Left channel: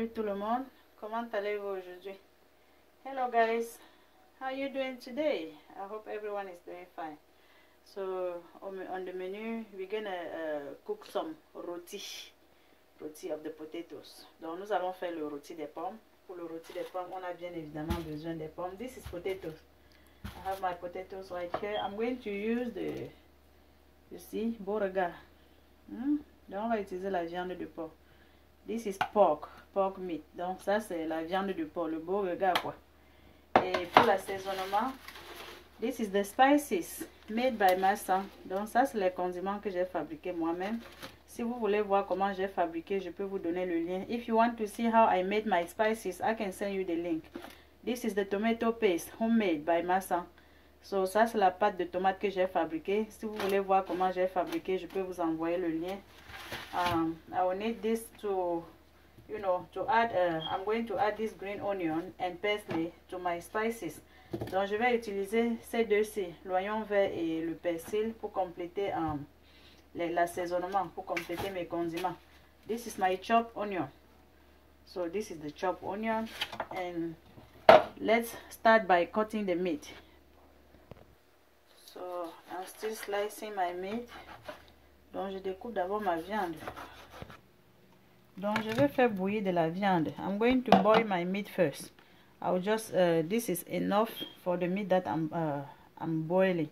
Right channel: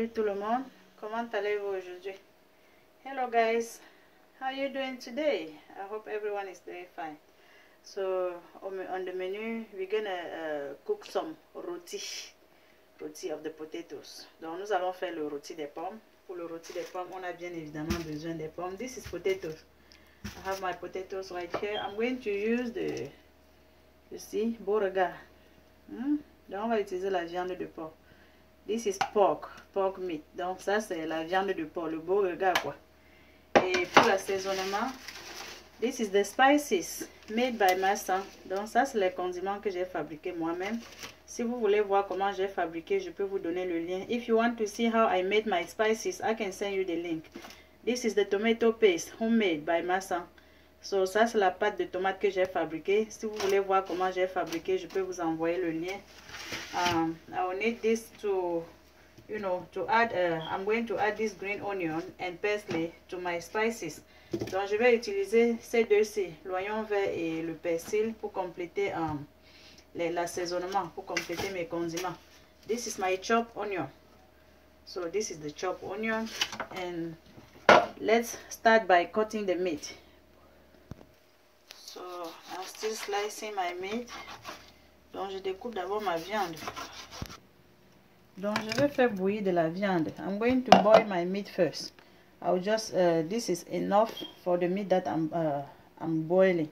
Salut tout le monde, comment allez-vous aujourd'hui? Hello guys, how are you doing today? I hope everyone is doing fine. So on the menu, we're gonna cook some roti of the potatoes. Donc nous allons faire le rôti des pommes. Pour le rôti des pommes, on a bien évidemment besoin des pommes. This is potatoes. I have my potatoes right here. I'm going to use the, you see, beauregard. Donc on va utiliser la viande de porc. This is pork meat. Donc ça c'est la viande de porc, le beauregard quoi. Et pour l'assaisonnement, this is the spices made by Massa. Donc ça c'est les condiments que j'ai fabriqués moi-même. Si vous voulez voir comment j'ai fabriqué, je peux vous donner le lien. If you want to see how I made my spices, I can send you the link. This is the tomato paste homemade by Massa. So ça c'est la pâte de tomate que j'ai fabriquée. Si vous voulez voir comment j'ai fabriqué, je peux vous envoyer le lien. I will need this to, you know, to add. I'm going to add this green onion and parsley to my spices. Donc je vais utiliser ces deux-ci, l'oignon vert et le persil, pour compléter l'assaisonnement, pour compléter mes condiments. This is my chopped onion. So this is the chopped onion, and let's start by cutting the meat. So I'm still slicing my meat. Donc je découpe d'abord ma viande. Donc je vais faire bouillir de la viande. I'm going to boil my meat first. I'll just this is enough for the meat that I'm boiling.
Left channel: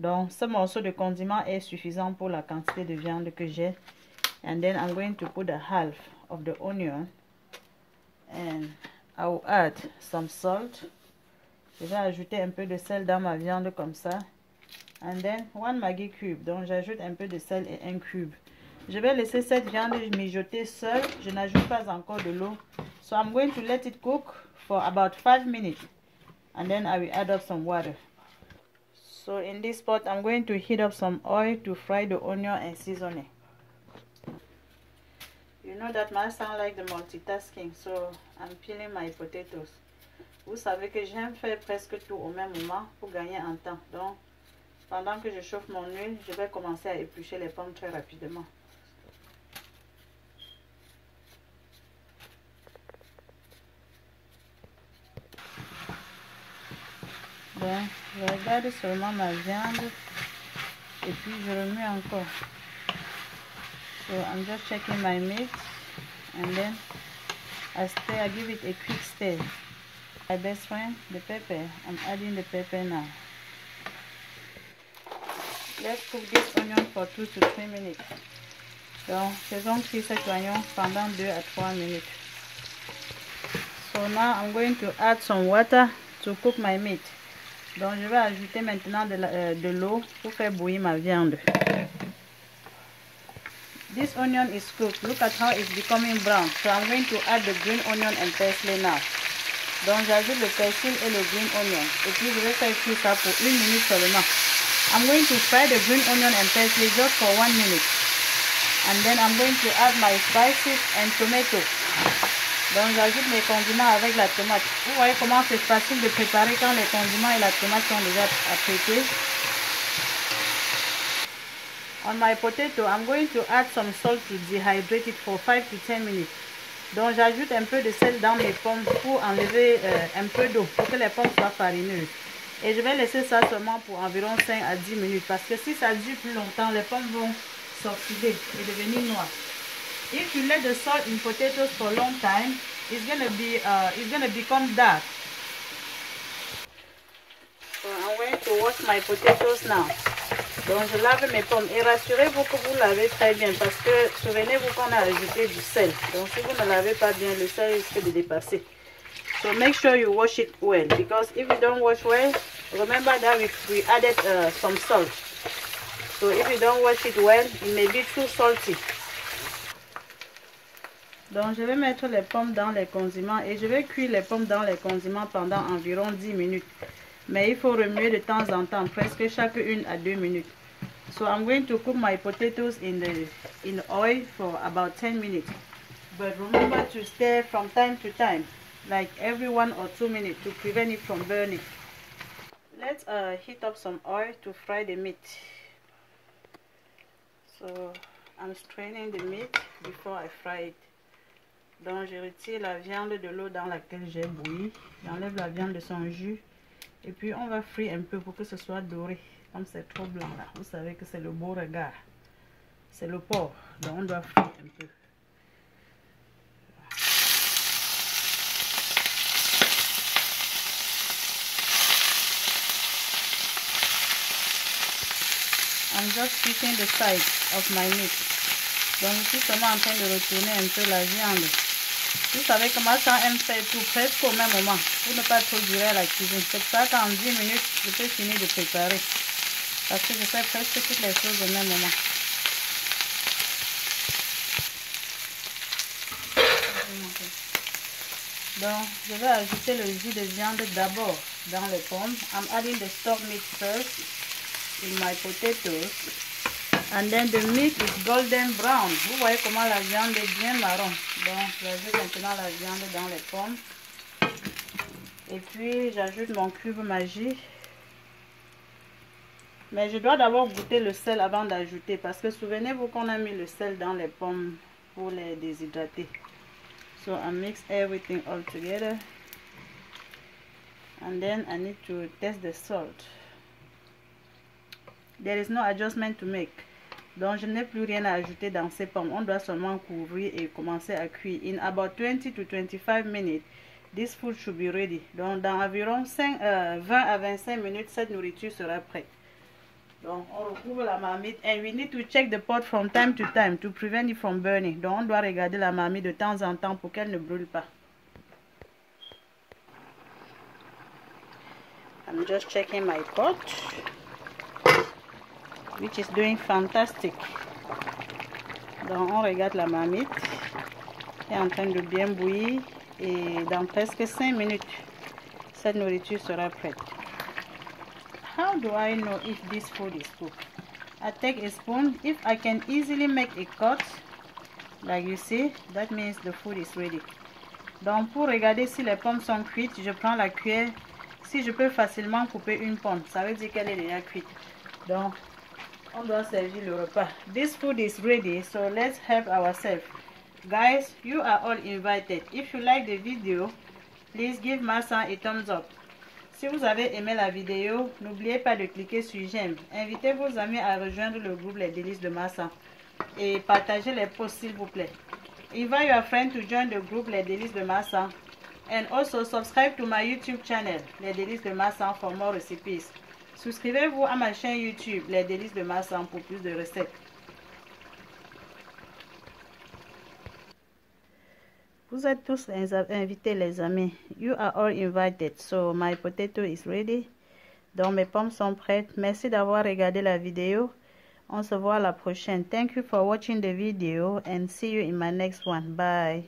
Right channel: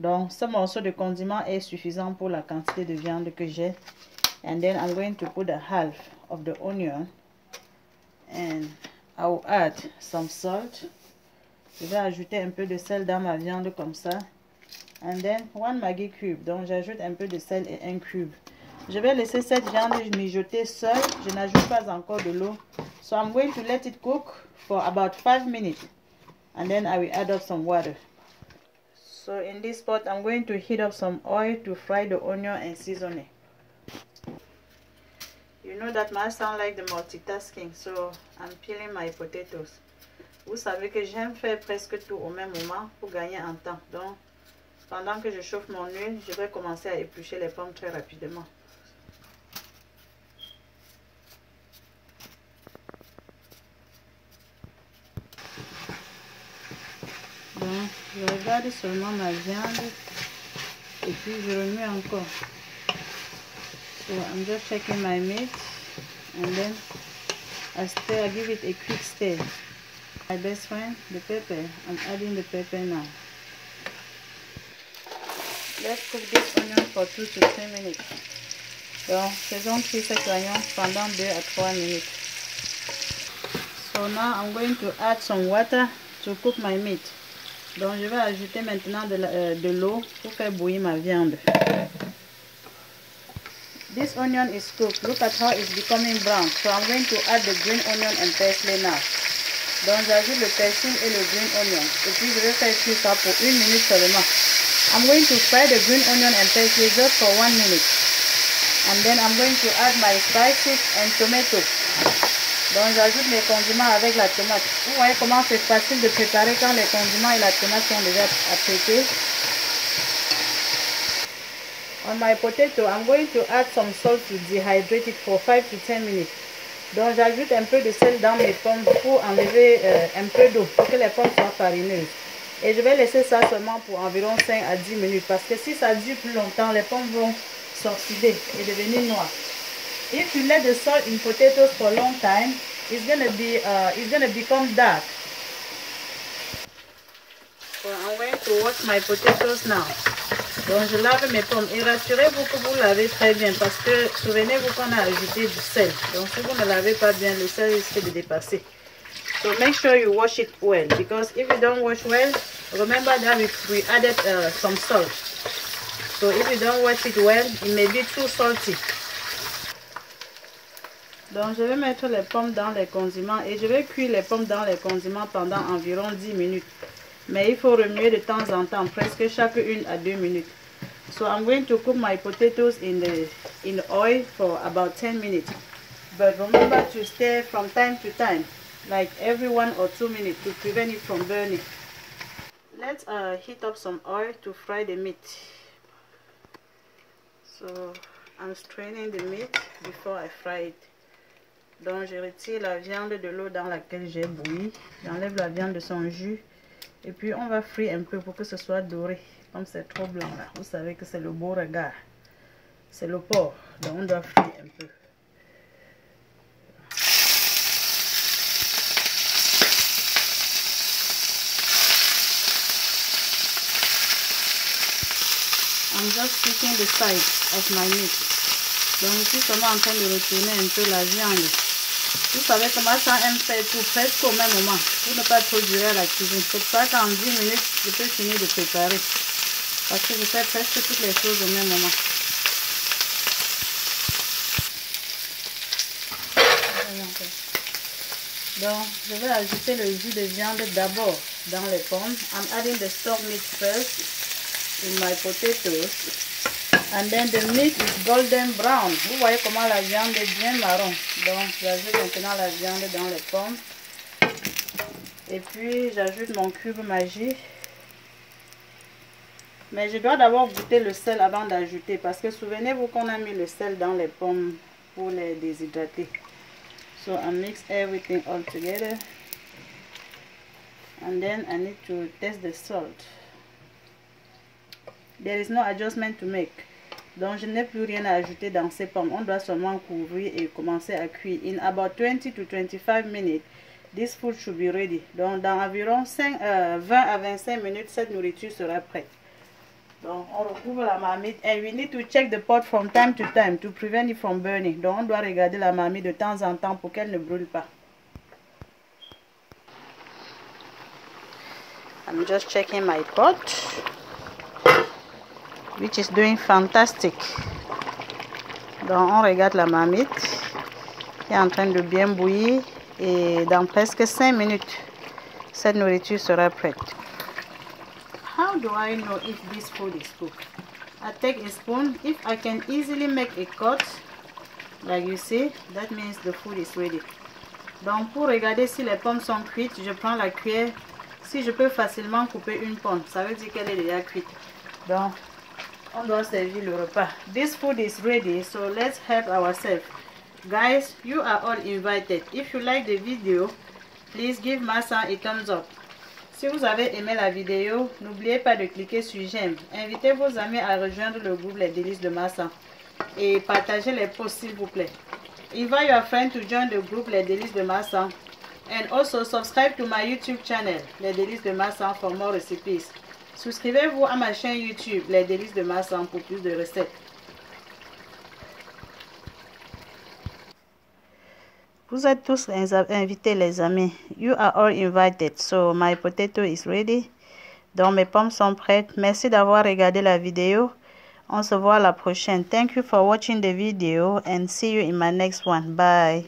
Donc ce morceau de condiment est suffisant pour la quantité de viande que j'ai. And then I'm going to put the half of the onion, and I will add some salt. Je vais ajouter un peu de sel dans ma viande comme ça. And then 1 Maggi cube. Donc j'ajoute un peu de sel et 1 cube. Je vais laisser cette viande mijoter seule. Je n'ajoute pas encore de l'eau. So I'm going to let it cook for about 5 minutes. And then I will add up some water. So in this pot, I'm going to heat up some oil to fry the onion and season it. You know that my son like the multitasking, so I'm peeling my potatoes. Vous savez que j'aime faire presque tout au même moment pour gagner en temps. Donc, pendant que je chauffe mon huile, je vais commencer à éplucher les pommes très rapidement. Bon, je regarde seulement ma viande et puis je remue encore. So I'm just checking my meat, and then I give it a quick stir. My best friend, the pepper. I'm adding the pepper now. Let's cook this onion for 2 to 3 minutes. Donc, faisons cuire cet oignon pendant 2 à 3 minutes. So now I'm going to add some water to cook my meat. Donc, je vais ajouter maintenant de l'eau pour faire bouillir ma viande. This onion is cooked. Look at how it's becoming brown. So I'm going to add the green onion and parsley now. Donc, j'ajoute le persil et le green onion. Et puis, je vais faire cuire ça pour 1 minute seulement. I'm going to fry the green onion and parsley just for 1 minute. And then I'm going to add my spices and tomatoes. Donc j'ajoute les condiments avec la tomate. Vous voyez comment c'est facile de préparer quand les condiments et la tomate sont déjà apprêtés. On my potato, I'm going to add some salt to dehydrate it for 5 to 10 minutes. Donc j'ajoute un peu de sel dans mes pommes pour enlever un peu d'eau, pour que les pommes soient farineuses. Et je vais laisser ça seulement pour environ 5 à 10 minutes. Parce que si ça dure plus longtemps, les pommes vont s'oxyder et devenir noires. If you let the salt in potatoes for a long time, it's gonna become dark. So I'm going to wash my potatoes now. Donc je lave mes pommes et rassurez-vous que vous lavez très bien parce que souvenez-vous qu'on a ajouté du sel. Donc si vous ne lavez pas bien, le sel risque de dépasser. So make sure you wash it well, because if you don't wash well, remember that we added some salt. So if you don't wash it well, it may be too salty. Donc je vais mettre les pommes dans les condiments et je vais cuire les pommes dans les condiments pendant environ 10 minutes. Mais il faut remuer de temps en temps, presque chaque 1 à 2 minutes. So I'm going to cook my potatoes in oil for about 10 minutes. But remember to stir from time to time, like every 1 or 2 minutes, to prevent it from burning. Let's heat up some oil to fry the meat. So I'm straining the meat before I fry it. Donc je retire la viande de l'eau dans laquelle j'ai bouilli. J'enlève la viande de son jus. Et puis on va frire un peu pour que ce soit doré. Comme c'est trop blanc là. Vous savez que c'est le beau regard. C'est le porc. Donc on doit frire un peu. I'm just flipping the sides of my meat. Donc je suis seulement en train de retourner un peu la viande. Vous savez comment ça aime faire tout presque au même moment. Pour ne pas trop durer à la cuisine. C'est pour ça qu'en 10 minutes, je peux finir de préparer. Parce que je fais presque toutes les choses au même moment. Donc je vais ajouter le jus de viande d'abord dans les pommes. I'm adding the stock meat first in my potatoes. And then the meat is golden brown. Vous voyez comment la viande est bien marron. Donc j'ajoute maintenant la viande dans les pommes. Et puis j'ajoute mon cube Maggi. Mais je dois d'abord goûter le sel avant d'ajouter. Parce que souvenez-vous qu'on a mis le sel dans les pommes pour les déshydrater. So I mix everything all together. And then I need to test the salt. There is no adjustment to make. Donc je n'ai plus rien à ajouter dans ces pommes. On doit seulement couvrir et commencer à cuire. In about 20 to 25 minutes, this food should be ready. Donc dans environ 20 à 25 minutes, cette nourriture sera prête. Donc on recouvre la marmite. And we need to check the pot from time to time to prevent it from burning. Donc on doit regarder la marmite de temps en temps pour qu'elle ne brûle pas. I'm just checking my pot, which is doing fantastic. Donc on regarde la marmite qui est en train de bien bouillir et dans presque 5 minutes, cette nourriture sera prête. How do I know if this food is cooked? I take a spoon. If I can easily make a cut, like you see, that means the food is ready. Donc pour regarder si les pommes sont cuites, je prends la cuillère. Si je peux facilement couper une pomme, ça veut dire qu'elle est déjà cuite. Donc on doit servir le repas. This food is ready, so let's help ourselves. Guys, you are all invited. If you like the video, please give Massa a thumbs up. Si vous avez aimé la vidéo, n'oubliez pas de cliquer sur j'aime. Invitez vos amis à rejoindre le groupe Les Délices de Massa et partagez les posts s'il vous plaît. Invite your friend to join the group Les Délices de Massa and also subscribe to my YouTube channel Les Délices de Massa for more recipes. Souscrivez-vous à ma chaîne YouTube Les Délices de Massa pour plus de recettes. Vous êtes tous invités les amis. You are all invited. So my potato is ready. Donc mes pommes sont prêtes. Merci d'avoir regardé la vidéo. On se voit à la prochaine. Thank you for watching the video and see you in my next one. Bye.